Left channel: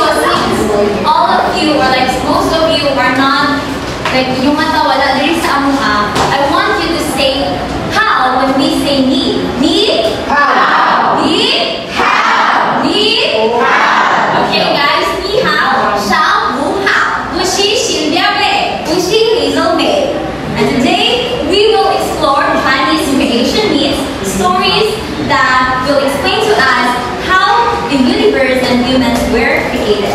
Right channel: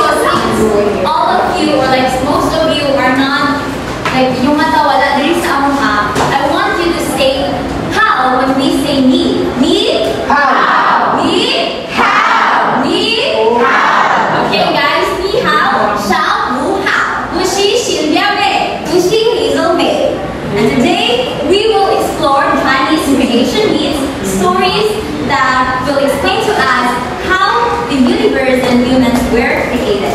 So since all of you, or like most of you, are not, like yung mata wala diri sa among I want you to say how when we say need. Need? How. Need? How. Need? How. Okay guys, ni hao, shao, wu hao, wu xi, xin liao bei, wu xi, li zhou bei. And today, we will explore Chinese creation myths, stories that will explain to us how the universe and humans were created.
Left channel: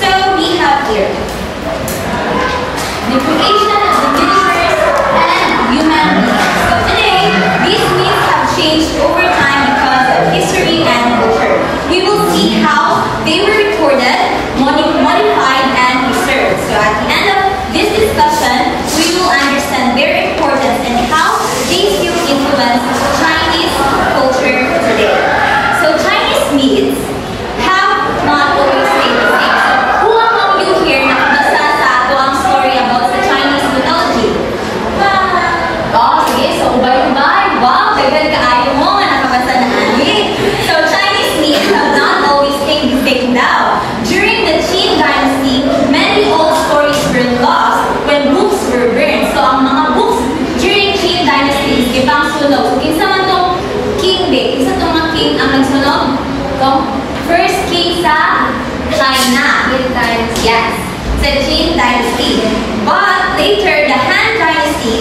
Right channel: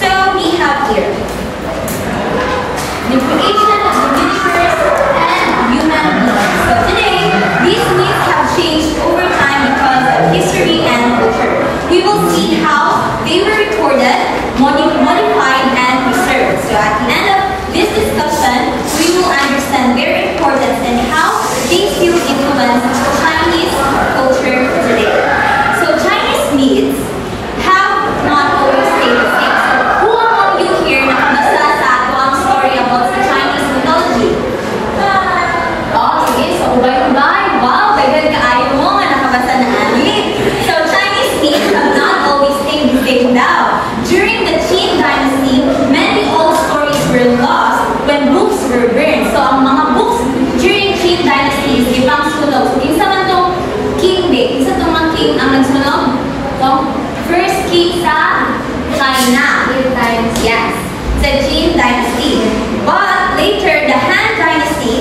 So we have here the creation of the universe and human beings. So today, these myths have changed over time because of history and culture. We will see how they were recorded, modified, and preserved. So at the end of this discussion, we will understand their importance and how they still influence Chinese culture today. So Chinese myths have not always stayed the same. So who among you here nakabasa sa ato ang story about the Chinese mythology? Oh, sige. So ubay-ubay. Wow, bagay kaayo mo nga nakabasa na ani. So Chinese myths have not always stayed the same now. During the Qin dynasty, many old stories were lost when books were burned. So ang mga books during Qin dynasty is gibang sunog. So kinsa man tong king day, kinsa tong mga king ang nagsunog? Tong first king sa China. Yes, sa Qin dynasty. But later, the Han dynasty,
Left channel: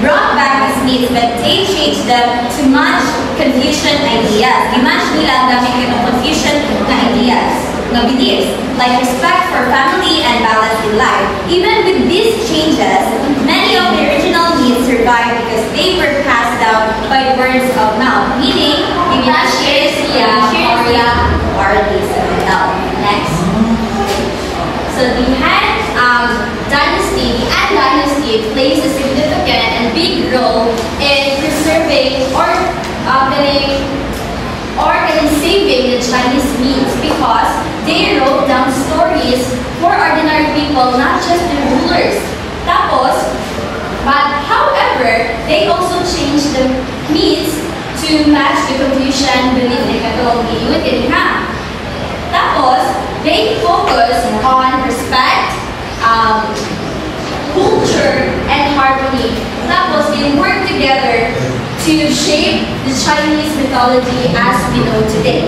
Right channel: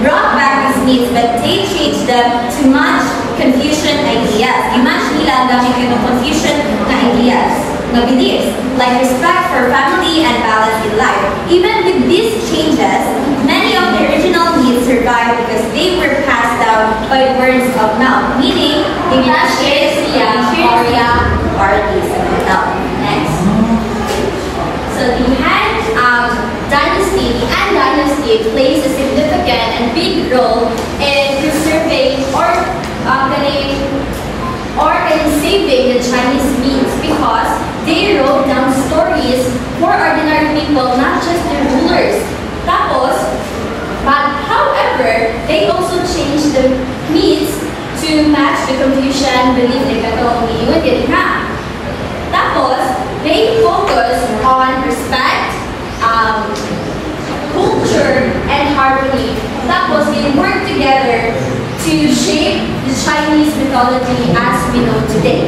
brought back these myths, but they changed them to much confusion ideas. Imagine nila ang dami kayo confusion na ideas, na beliefs, like respect for family and balance in life. Even with these changes, many of the original myths survived because they were passed down by words of mouth, meaning, Next. So the Han dynasty, the Han dynasty plays a significant and big role in preserving or in saving the Chinese myths because they wrote down stories for ordinary people, not just the rulers. But however, they also changed the myths to match the confusion belief na katong iiwan din ha. Tapos, they focus on respect, culture, and harmony. Tapos, they work together to shape the Chinese mythology as we know today.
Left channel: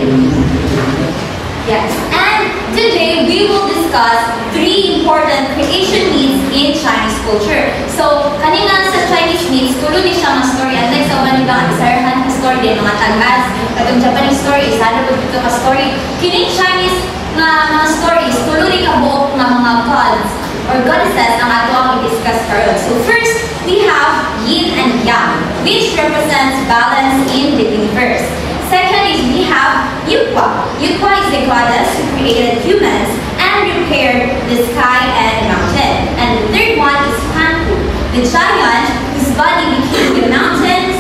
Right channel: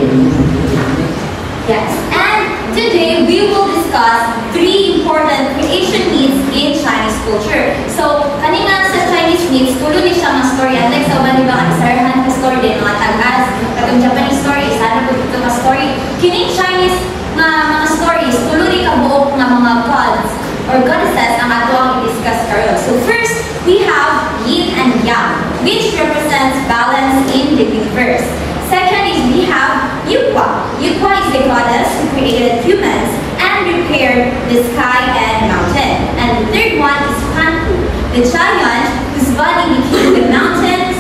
Yes, and today we will discuss 3 important creation myths in Chinese culture. So, kanina sa Chinese myths, tulo ni siya mga story. Unlike sa mga ibang isarahan ka story din, mga tag-as, katong Japanese story, sana po dito ka story. Kining Chinese mga stories, tulo ni kabuok na mga gods or goddesses ang ato ang i-discuss karon. So first, we have Yin and Yang, which represents balance in the universe. Second is we have Yukwa. Yukwa is the goddess who created humans and repaired the sky and mountain. And the third one is Hanfu, the giant whose body became the mountains,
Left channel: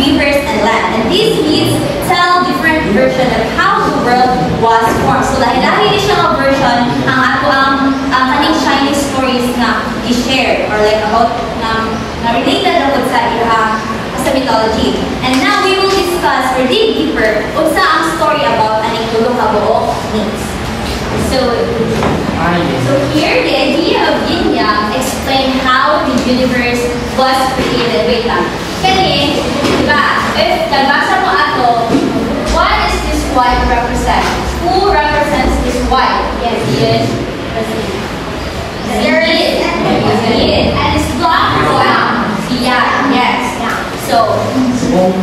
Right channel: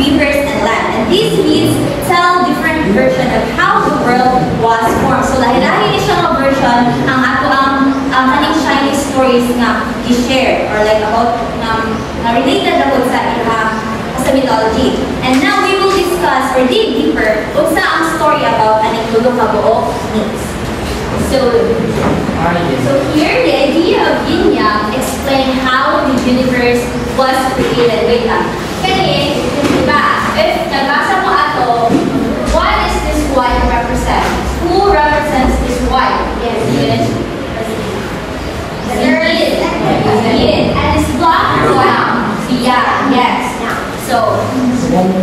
rivers, and land. And these myths tell different versions of how the world was formed. So lahi-lahi ni siya mga version ang ato ang kaning Chinese stories na i-share or like about na related about sa mythology. And now we will discuss or dig deeper unsa ang story about aning tulo ka buok myths. So here the idea of Yin Yang explain how the universe was created. Wait lang. Kani, diba? If nagbasa mo ato, what is this white represent? Who represents this white? Yes, Yin. Yin. And it's black or what? Yeah, yes. So,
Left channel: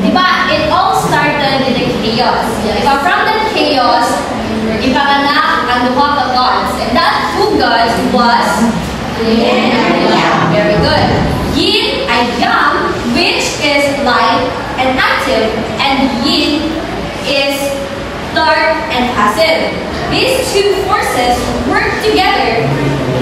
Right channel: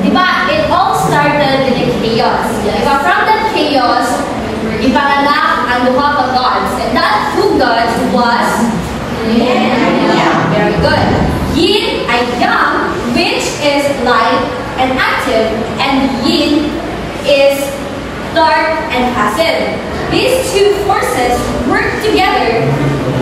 diba, it all started with the chaos. Diba, from that chaos, ipanganak ang duha ka gods. And that two gods was Yin and Yang. Very good. Yin ay Yang, which is light and active, and Yin is dark and passive. These two forces work together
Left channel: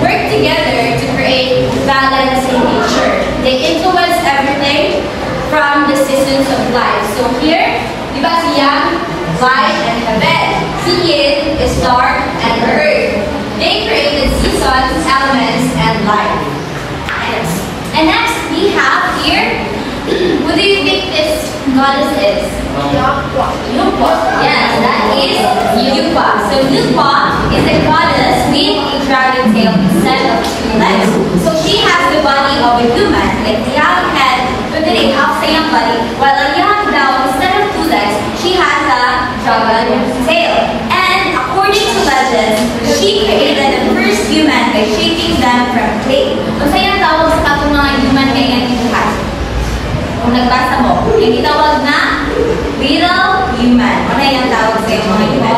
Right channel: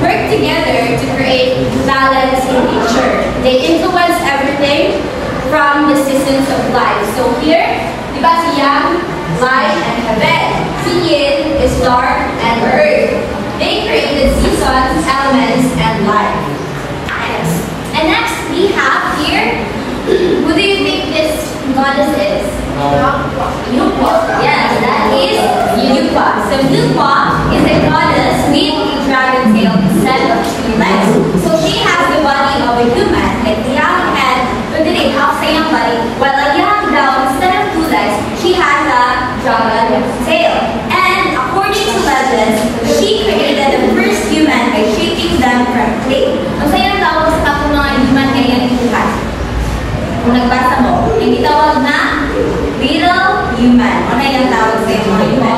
to create balance in nature. They influence everything from the seasons of life. So here, diba si Yang, light and heaven. Si Yin is dark and earth. They created seasons, elements, and life. And next we have here, who do you think is goddess is? Lupa. Yes, that is Lupa. So Lupa is a goddess with a dragon tail instead of two legs. So she has the body of a human, like the young head, but then it has a young body, while a young down, instead of two legs, she has a dragon tail. And according to legends, she created the first human by shaping them from clay. Kung sa'yo tawag sa katong mga human kaya yung buhay. Kung nagbasa mo, yung itawag na little human. Ano yung tawag sa iyo mga human?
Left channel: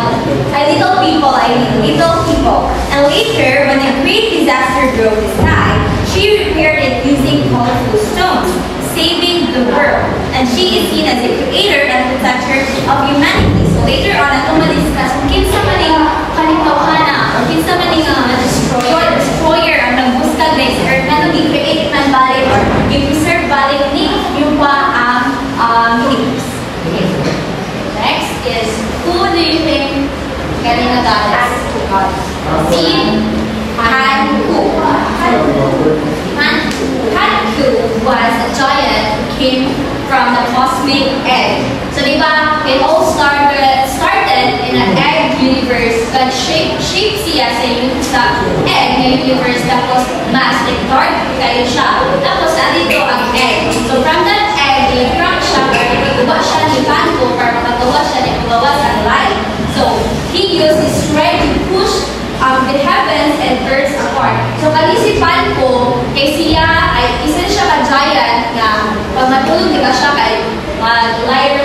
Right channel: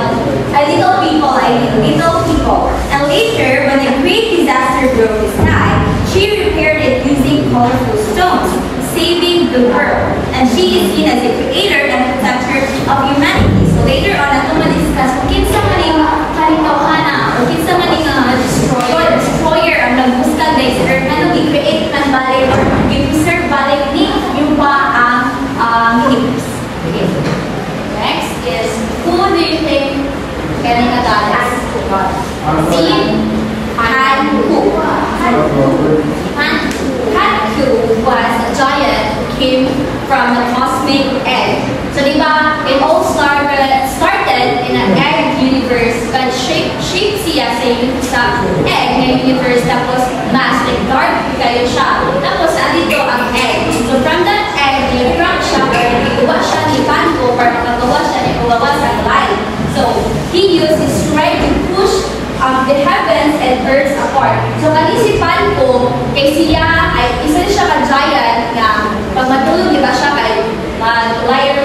Little people, little people. And later, when a great disaster broke the sky, she repaired it using colorful stones, saving the world. And she is seen as a creator and protector of humanity. So later on, atong ma-discuss kung kinsa maning kalipakana or kinsa maning destroyer ang nagbuskag na is earth na nag-create ng bali or i-preserve bali ni yung pa ang universe. Okay. Next is, who do you think kanina goddess? Si Hanku. Hanku was a giant who came from the cosmic egg. So diba, it all started in an egg universe, but shape siya sa egg na universe, tapos mass, like dark kayo siya. Tapos andito ang egg. So from that egg, i-crack siya, para iguwa siya ni Panko, para makagawa siya ni Pagawa sa light. So he used his strength to push the heavens and earth apart. So kani si Panko, kay siya, ay isa siya ka-giant na pag matulog, di ba siya kay mag-lay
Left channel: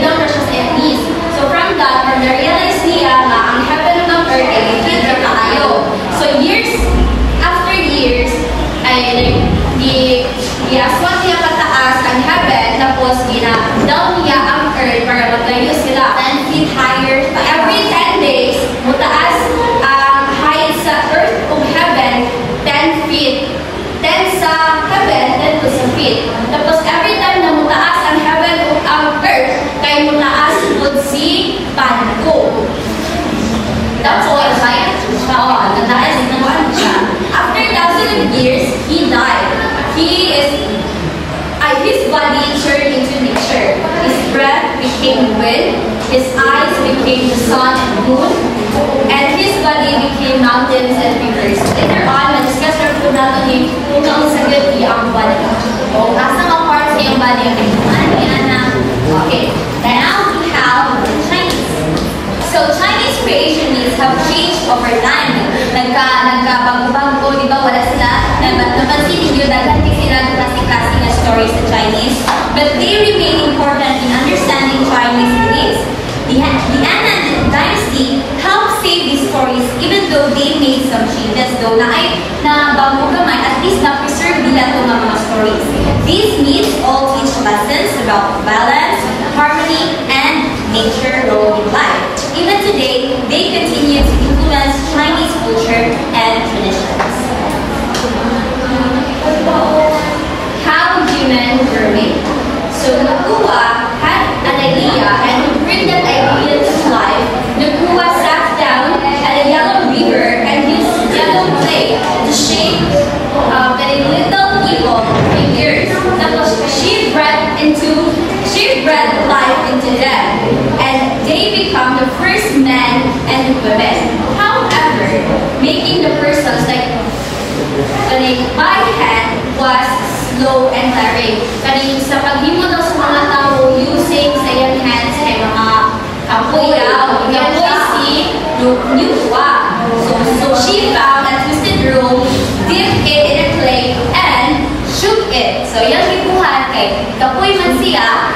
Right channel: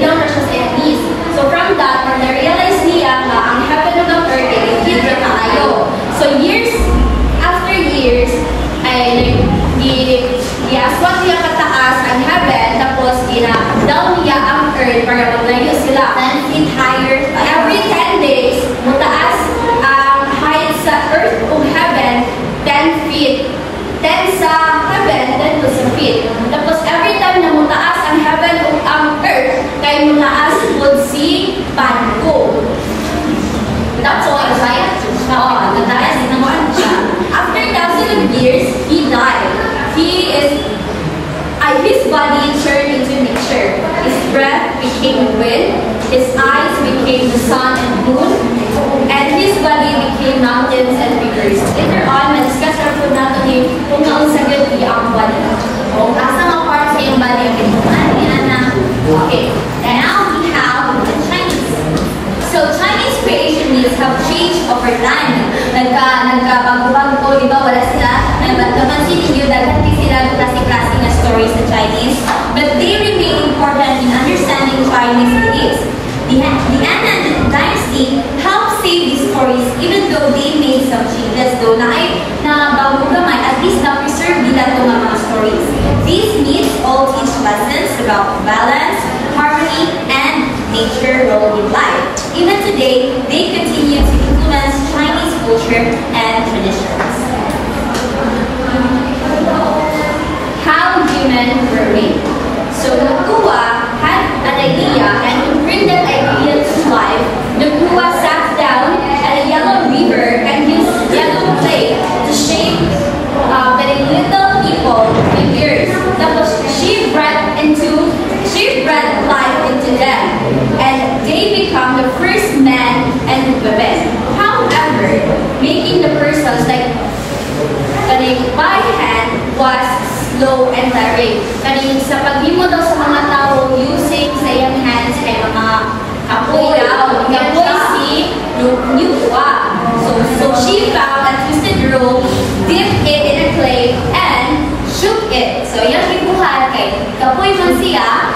down na siya sa knees. So from that, when na-realize niya na ang heaven and ang earth ay legit na kaayo. So after years, ay aswat niya kataas ang heaven, tapos down niya ang earth para maglayo sila. 10 feet higher. Every 10 days, mutaas ang height sa earth o heaven, 10 feet. 10 sa heaven, 10 sa feet. Tapos every time na mutaas ang heaven o ang earth, kay mutaas po si Panko. That's all I'm saying. Nataas din naman siya. After thousands of years, he died. His body turned into nature. His breath became wind. His eyes became the sun and moon. And his body became mountains and rivers. Later on, ma-discuss na po natin kung naunsagot ang body. Kung asa mga parts sa yung body yung kinuhan niya na. Okay, now we have the Chinese. So Chinese creation myths have changed over time. Nagkabago-bago, di ba? Wala sila. Napansin ninyo, daganti sila klase-klase na stories sa Chinese. But they remain important in understanding Chinese beliefs. The Anand Dynasty helped save these stories even though they made some changes. Though na bago gamay, at least na-preserve nila itong mga stories. These myths all teach lessons about balance, harmony, and nature role in life. Even today, they continue to influence Chinese culture and traditions. How human were made. So Nakua had an idea, and to bring that idea to life, Nakua sat down at a yellow river and used yellow clay to shape very little people in earth. Tapos she breathed life into them, and they become the first men and women. However, making the persons by hand was slow and tiring. Sa paghimo daw sa mga tao using sa iyang hands kay mga kapoy daw. Kapoy si Nuwa. So she found a twisted rope, dipped it in a clay, and shook it. So yan gibuhat kay kapoy man siya,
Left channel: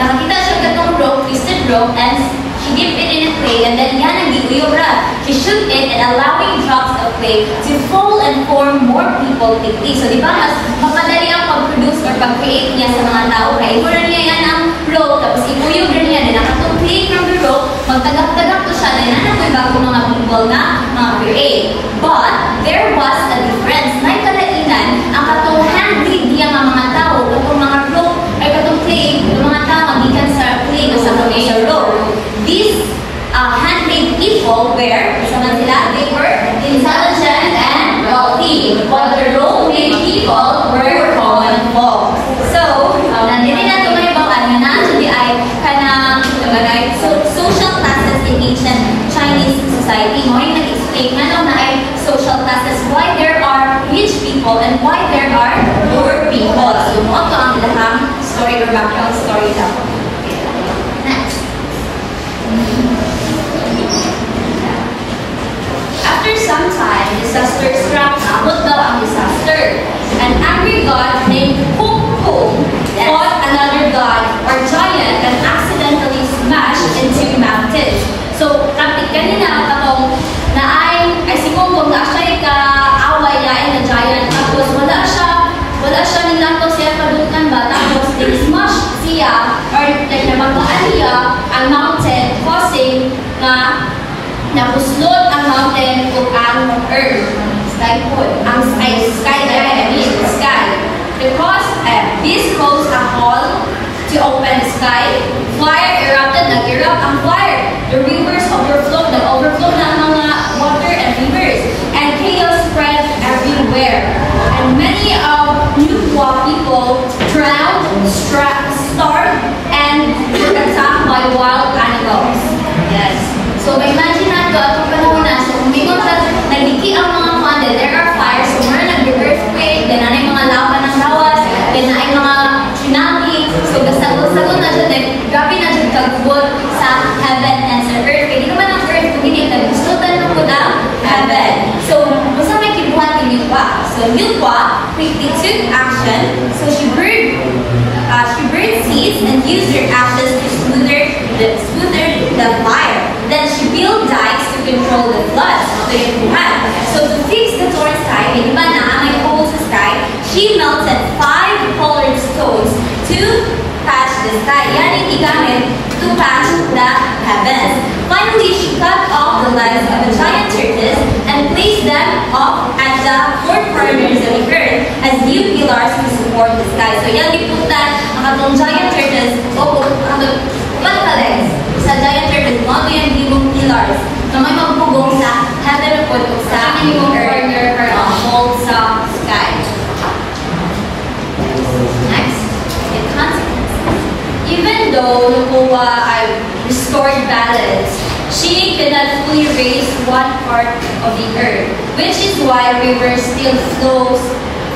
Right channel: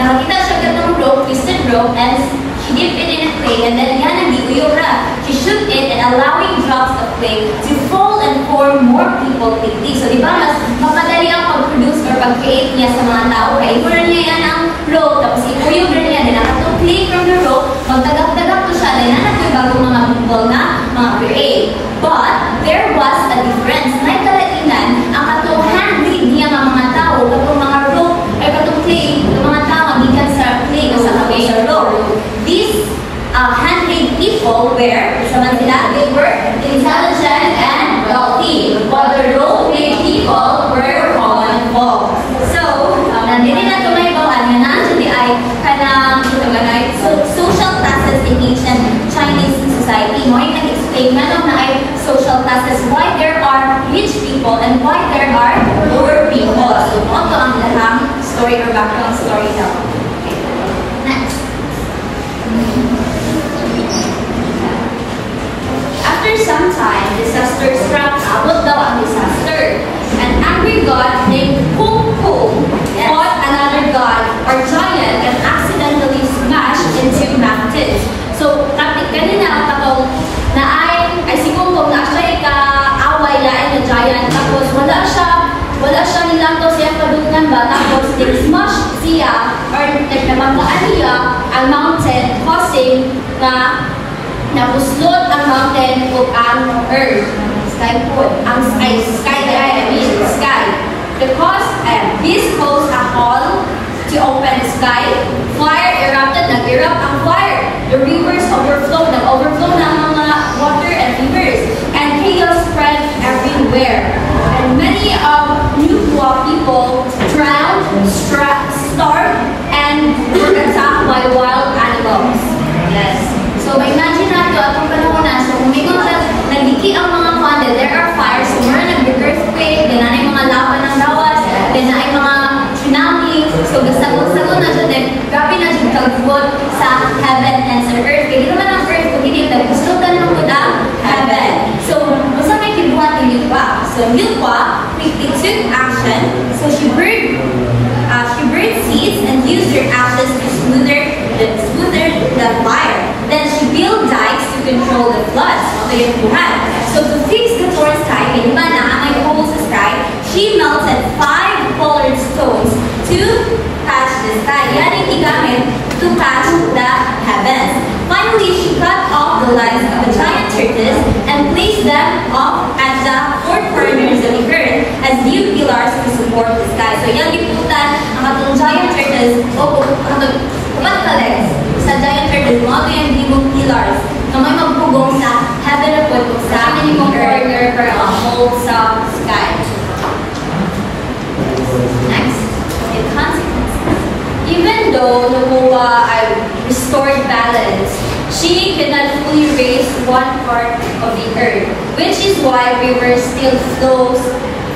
nakakita siya katong rope, twisted rope, and she dipped it in a clay, and then yan ang giuyura. She shook it and allowing drops of clay to fall and form more people quickly. So di ba mas mapadali ang pag-produce or pag-create niya sa mga tao. Kaya igura niya yan ang rope, tapos ipuyog rin niya, din nakatong clay from the rope, magtagak-tagak to siya, din anak bago mga people na mga create. But there was a difference. May kalainan ang katong hand-made niya mga tao, katong mga rope, ay katong clay, yung mga tao, gikan sa clay o sa rope. These handmade people they were intelligent and wealthy, while the role-made people were common folk. So, nandito na tumahibaw is why there are rich people and why there are poor people. So, mo to ang ilahang story or background story daw. Next. After some time, disaster struck. Abot daw ang disaster. An angry god named Kung Kung fought another god or giant and accidentally smashed into mountains. So, kanina katong na ay si Kung Kung na siya ka-away lain na giant. Tapos wala siya nilanto siya kadutan ba. Tapos smash siya or nagnabataan niya ang mountain causing na nabuslot ang mountain o ang earth. Sky. This caused a hole to open the sky. Fire erupted, nag-erupt ang fire. The rivers overflowed, nag-overflow na ang mga water and rivers. And chaos spread everywhere. And many of Nukwa people drowned, starved, and were attacked by wild animals. Yes. So, imagine nato atong panahon na, so umingon sa nagdiki ang mga funded, there are fires, so mura nag-earthquake, then nanay mga lava ng lawas, then nanay mga tsunami, so gasagod-sagod na dyan, grabe na dyan kagbot sa heaven and sa earth. Kaya di naman ang earth, kung hindi, naggustutan ng po ng heaven. So, basta may kibuhan ni Nukwa. So, Nukwa quickly took action, so she burned seeds and used her ashes to smoother the fire. Then she built dikes to control the floods. So to fix the torrent sky, may may holes sa sky, she melted 5 colored stones to patch the sky. Yan ang igamit to patch the heavens. Finally, she cut off the legs of the giant tortoise and placed them up at the 4 corners of the earth as new pillars to support the sky. So yan iputan ang atong giant tortoise o upat ka legs sa giant turtle, mga ito yung libong pillars na may magpugong sa heaven o sa libong corner for a hold sa sky. Next, the consequences. Even though Noah restored balance, she could not fully raise 1/4 of the earth, which is why rivers still flows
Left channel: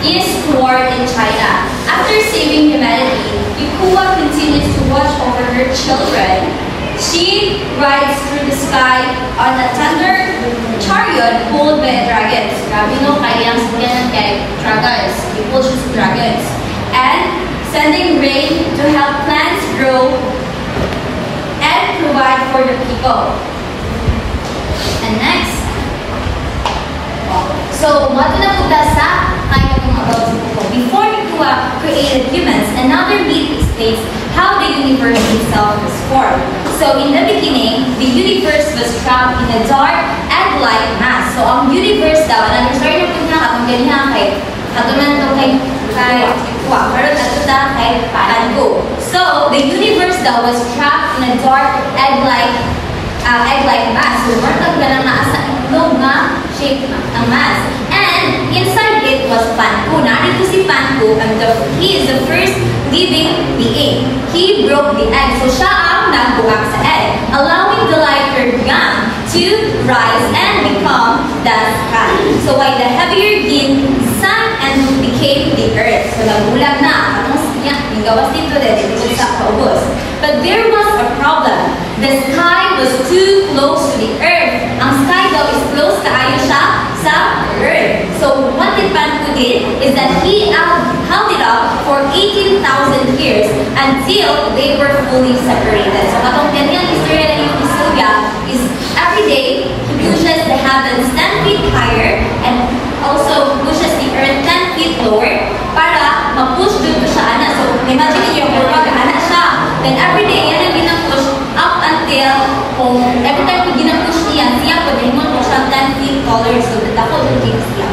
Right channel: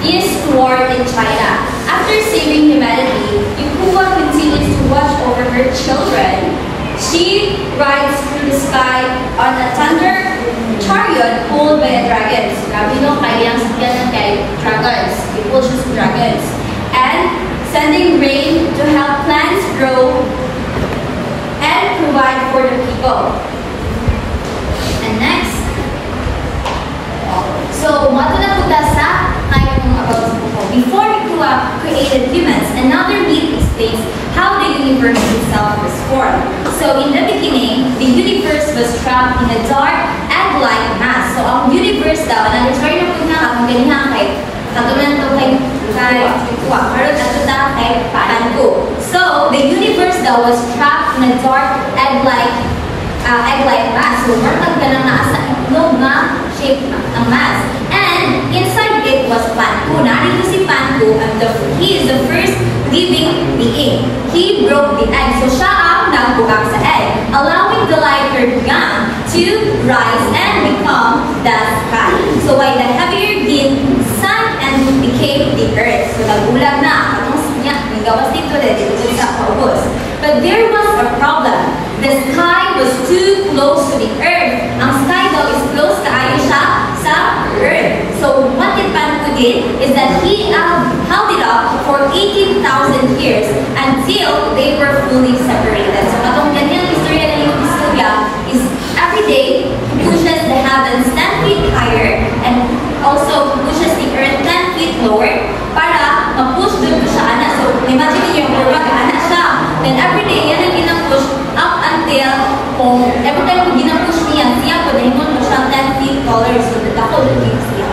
eastward in China. After saving humanity, Yahuwah continues to watch over her children. She rides through the sky on a thunder chariot pulled by dragons. Grabe no, kaya ang sakyanan kay dragons. He pulls his dragons. And sending rain to help plants grow and provide for the people. And next, so mato na punta sa kaya mga about people. Before Yahuwah created humans, another myth states how the universe itself was formed. So in the beginning, the universe was trapped in a dark egg-like mass. So ang universe daw, sorry na po na akong ganyan kay katulad ito kay Yahuwah, pero ito kay Panko. So the universe daw was trapped in a dark egg-like mass. So martag ka lang naasa itlog na shape ang mass. And inside it was Panko. Narito si Panko, and he is the first living being. He broke the egg. So siya ang nagbugang sa egg, allowing the lighter gun to rise and become the sky. So why the heavier being sun and moon became the earth. So nagulag na. Gawas dito dito sa paubos. But there was a problem. The sky was too close to the earth. Ang sky daw is close kaayo siya sa earth. So what did Panko did is that he held it up for 18,000 years until they were fully separated. So katong ganyan istorya na yung istorya is every day he pushes the heavens 10 feet higher and also pushes the earth 10 feet lower para ma-push dun to siya ana. So imagine niyo kung mag-ana siya. Then every day yan ang gina-push up until kung every time kung gina-push siya po din mo siya 10 feet taller. So ako din siya.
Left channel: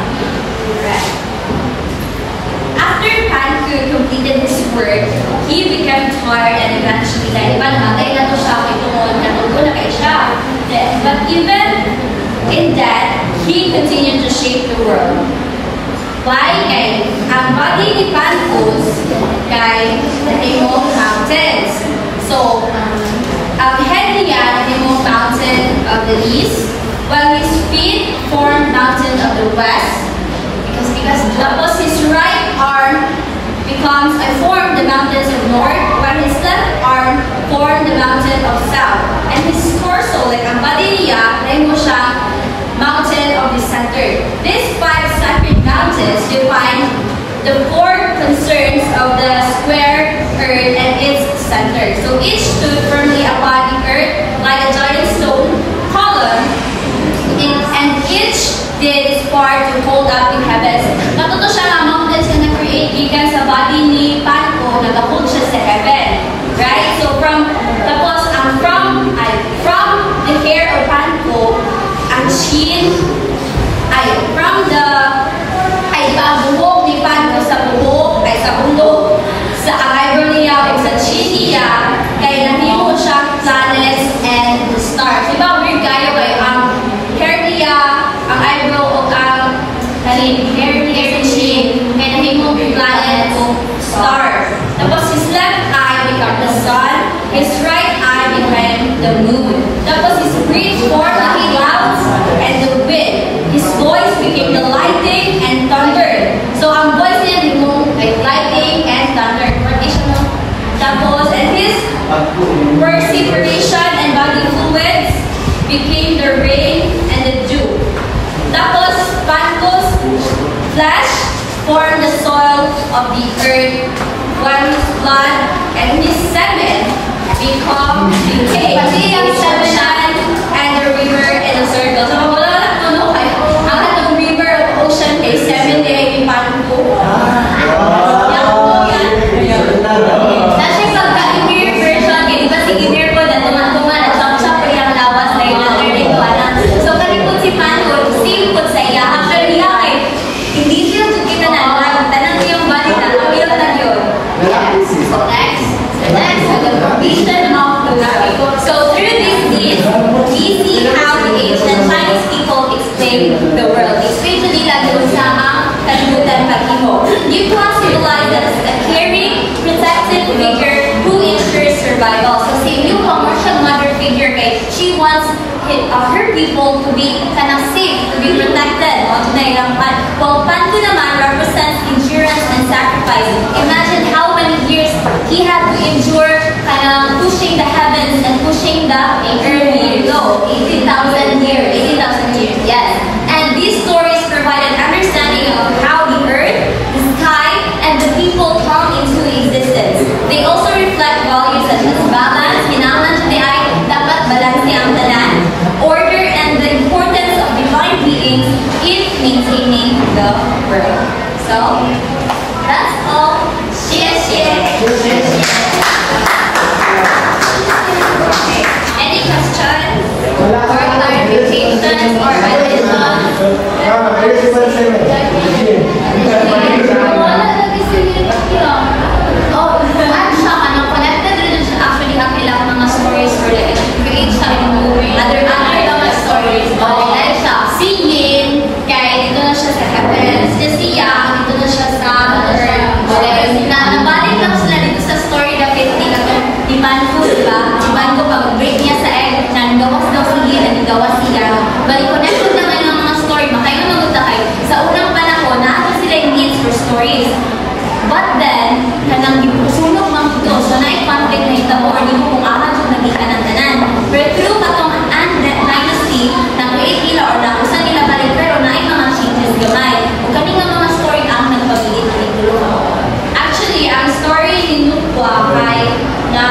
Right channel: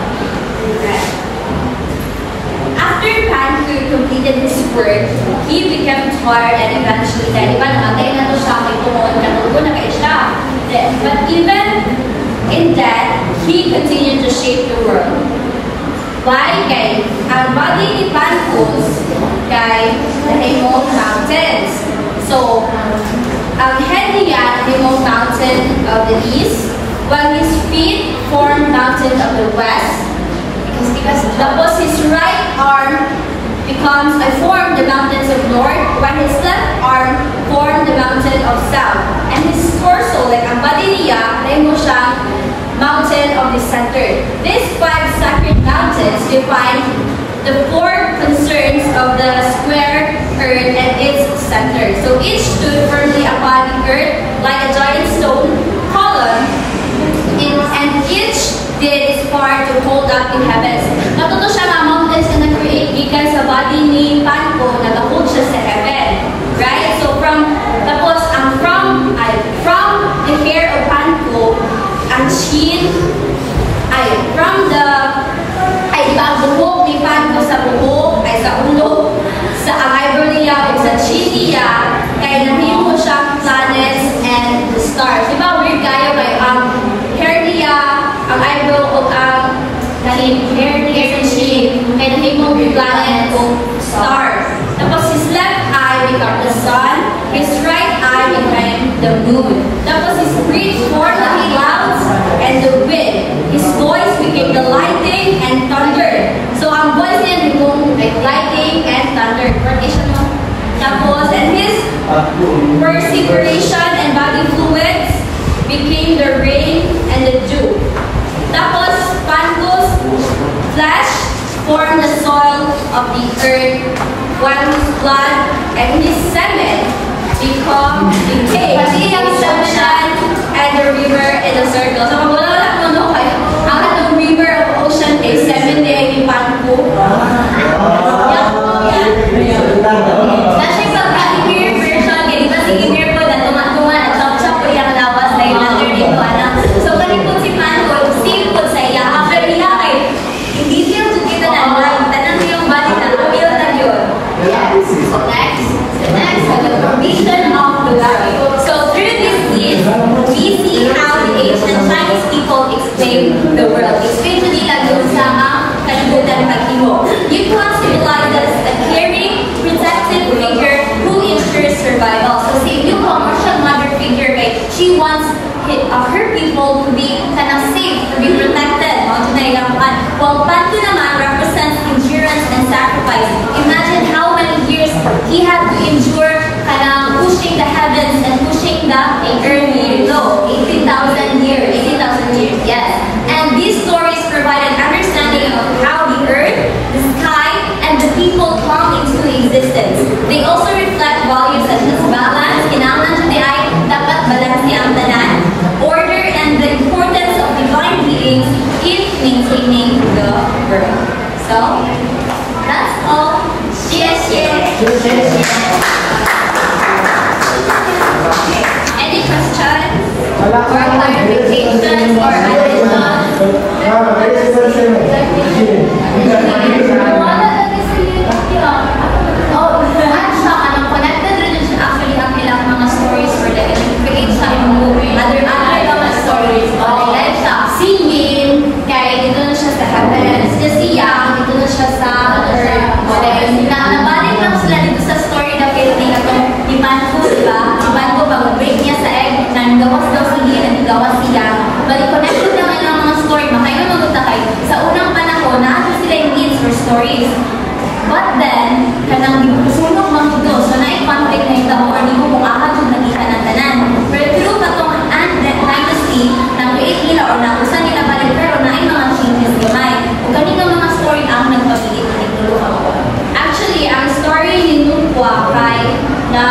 After Panko completed his work, he became tired and eventually died. Diba, namatay na to siya kay tungkol natugo na kayo siya. But even in death, he continued to shape the world. Why? Kay ang bagay ni Panko kay the Remote Mountains. So, ang head niya, the Remote Mountain of the East, while his feet formed mountains of the west. Tapos his right arm formed the mountains of north, while his left arm formed the mountain of south. And his torso, like ang body niya, ay mo siyang mountain of the center. These 5 sacred mountains define the 4 concerns of the square earth and its center. So each stood firmly upon the earth like a giant stone column, and each did its part to hold up the heavens. Natuto siya nga mountains na nag-create gikan sa body ni Panko, nag-hold siya sa heaven. Right? So from the hair of Panko, ang chin, ang buhok ni Panko sa buhok, sa ulo, sa ang eyebrow niya, o sa chin niya, kaya nahimo siyang planets and the stars. Diba, weird kayo kay ang hair niya, ang eyebrow o ang hair niya sa chin, kaya nahimo planet o stars. Tapos his left eye became the sun, his right eye became the moon. Tapos his breath formed the clouds and the wind. His voice became the lightning and thunder. So ang voice niya naging like lightning and thunder. Tapos and his perspiration and body fluids became the rain and the dew. Tapos Panko's flesh formed the soil of the earth, while his blood and his semen became the ocean and the river in a circle. So kung wala kuno kayo, ang atong river of ocean kay semen ni Panko. Yan po yan. Kasi pagka-inner version, kaya diba si inner po na tuman-tuman at chop-chop po yung lawas na yung latter dito. So kanipot si Panko, same po sa iya. After niya ay hindi siya kita na tanang yung body na appeal na yun. Yes. So next, the foundation of the world. So through this deed, we see how the ancient Chinese people explain the world. Explain nila doon sa kalibutan paghimo. You classify as a caring, protective figure who ensures survival. So si New commercial mother figure kay she wants her people to be safe, to be protected. While Panko naman represents endurance and sacrifice. Imagine how many years he had to endure pushing the heavens and pushing the earth below. 18,000 years. 18,000 years, yes. And these stories provide an understanding of how the earth, the sky, and the people come into existence. They also reflect values such as balance, kinahanglan siya ay dapat balanse ang tanan, order, and the importance of divine beings in maintaining the world. So, that's all. Yes. Any questions or clarifications or connected rin siya actually ang ilang mga stories or like create siya yung movie. Other mga stories. Like siya, singing, kaya dito na siya sa heavens. Siya, dito na siya sa earth. Nabalik lang sila dito sa story na pinili ni Panko, diba? Si Panko, pag-break niya sa egg, nanggawas daw siya, nanggawas siya. Bali, connected naman ng mga story. Makayo magutakay. Sa unang panahon, naato sila yung needs for stories. But then, kanang sunog mang ito, so na-conflict na ito, or di mo kung akan kung nakita ng tanan. Pero through katong dynasty, na-create nila or nausan nila pa rin, pero na-ay mga changes gamay. Kung kaning mga story ang nagpabilit na nitulo ka mo. Actually, ang story ni Nukwa kay na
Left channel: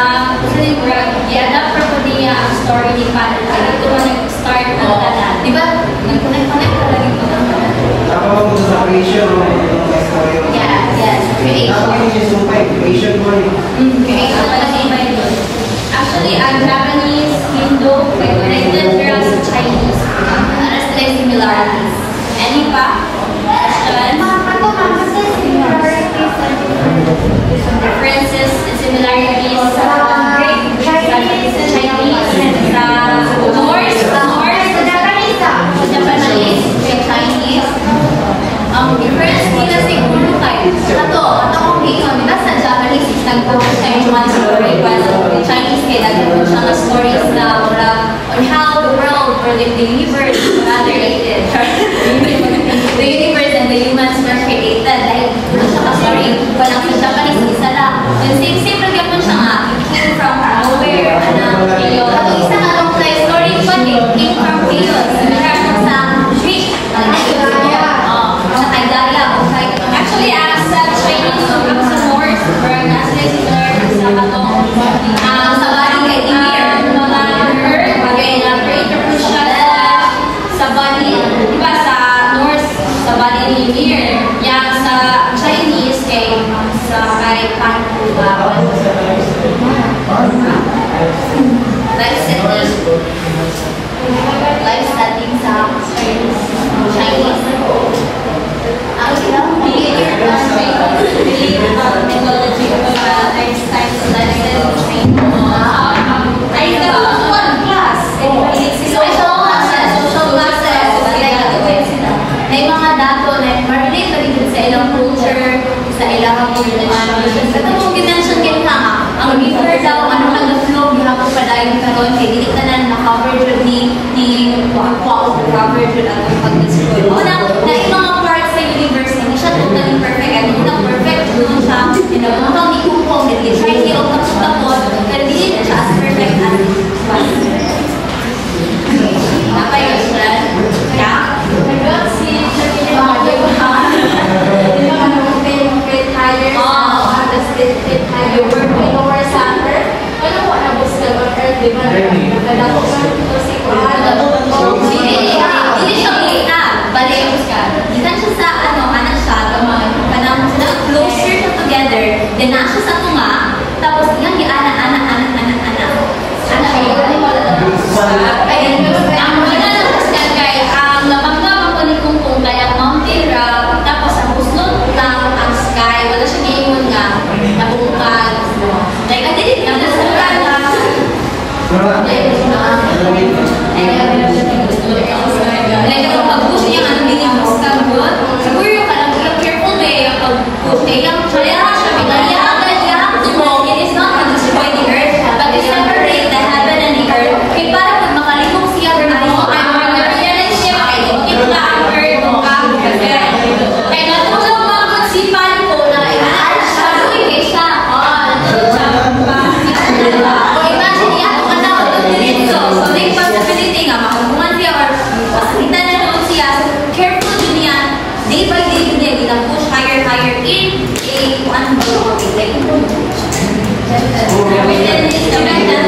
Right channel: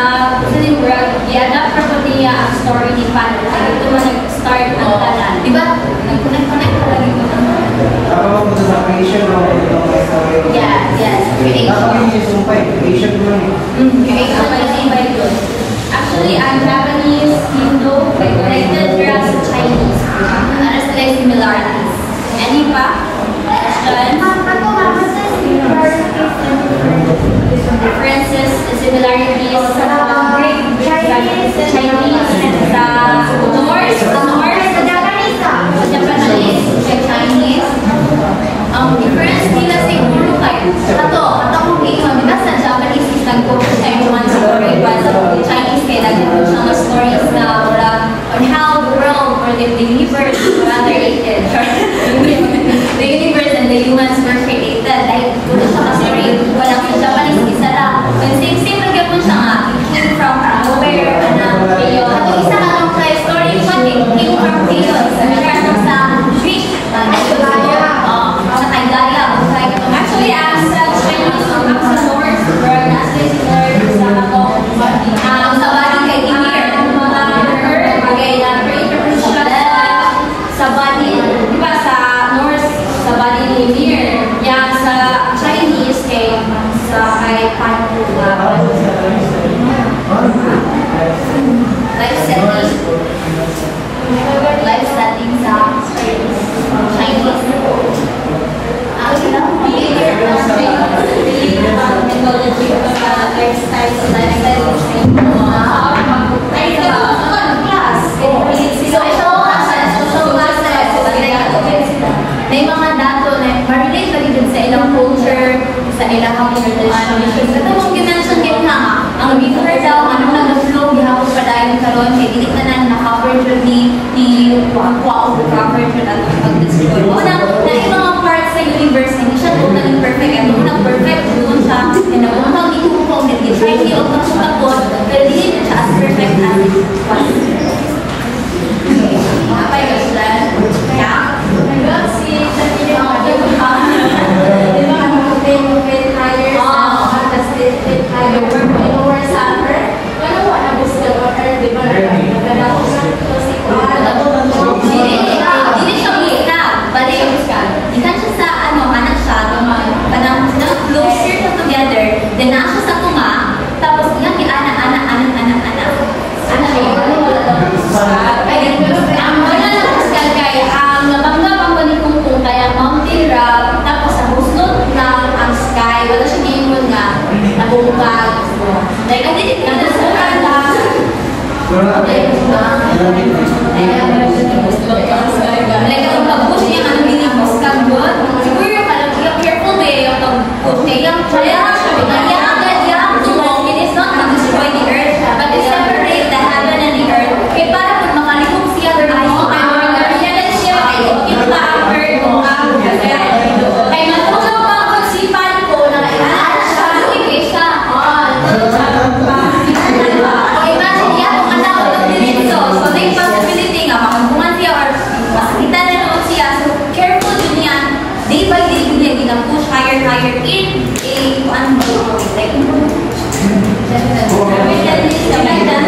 sa Nimbrag, i-adapt pa po niya ang story ni Panko. Kaya ito mo nag-start ang tanan. Diba? Nag-connect ka lang ito ng tanan. Tama ba mo sa creation mo? Yes. Creation. Creation mo yun. Creation by doon. Actually, ang Japanese, Hindu, may connected pero sa Chinese. Ano sila yung similarities? Any pa? Questions? Differences and similarities sa Chinese, sa Norse, sa Japanese, sa Chinese. Ang difference nila siguro kayo. Ito kong hiyon, diba sa Japanese is nag-focus sa yung one story, while sa Chinese kaya nag-focus siya ng stories na on how the world or the universe humans were created. Dahil puro siya ka-story, walang sa Japanese isa lang. Same lang yapon siya nga. It came from nowhere. Chaos. At isa ka lang sa story, but it came from chaos. Nagkakaroon sa Greek. Sa Kaidaya. Actually, sa Chinese, sa Norse, where nasa sila sa katong sa body kay Ymir. Mga earth, kay creator po siya sa body, di ba sa Norse, sa body ni Ymir. Yan sa Chinese, kay Kanku. Life setting sa Chinese. Mythology of there's types of lifestyle training. May mga dato na ma-relate pa din sa ilang culture, sa ilang communication. Kasi mong dimension kayo nga, ang river daw, anong nag-flow, gihapon pa dahil karon kay dili ka na na-cover dyan ni Aqua of the cover dyan at pag-destroy. Una, na yung mga parts sa universe, hindi siya totally perfect. At hindi na perfect doon siya, and nabuntang ni Kukong, nag-try niya o tapos, pero hindi siya as perfect as it was. Napay ka siya? Yeah? Then nasa sa tunga, tapos iyang anak. Ang nabanggap ako ni Kungkung kaya mountain rock, tapos ang buslot lang ang sky, wala siya giingon nga, nabungkag. Like, ang dilit nga, nasuran lang. Like, ang pag-push niya, anong dinibuskan yun? Siguro yung palang, careful ba yung pag-push niya? It is not to destroy the earth, but to separate the heaven and the earth. Kaya para pag makalipong siya, yan siya, kita ang earth o ang heaven. Kaya natulog mga pagsipan ko na siya, luwig siya. O imagine niya kung anak ko ng diretso. So, may possibility nga, makagpungan siya or makakita na naman siya. So, careful din yan. Day by day din niya, ginang-push higher in ano ba ito? We can use the mental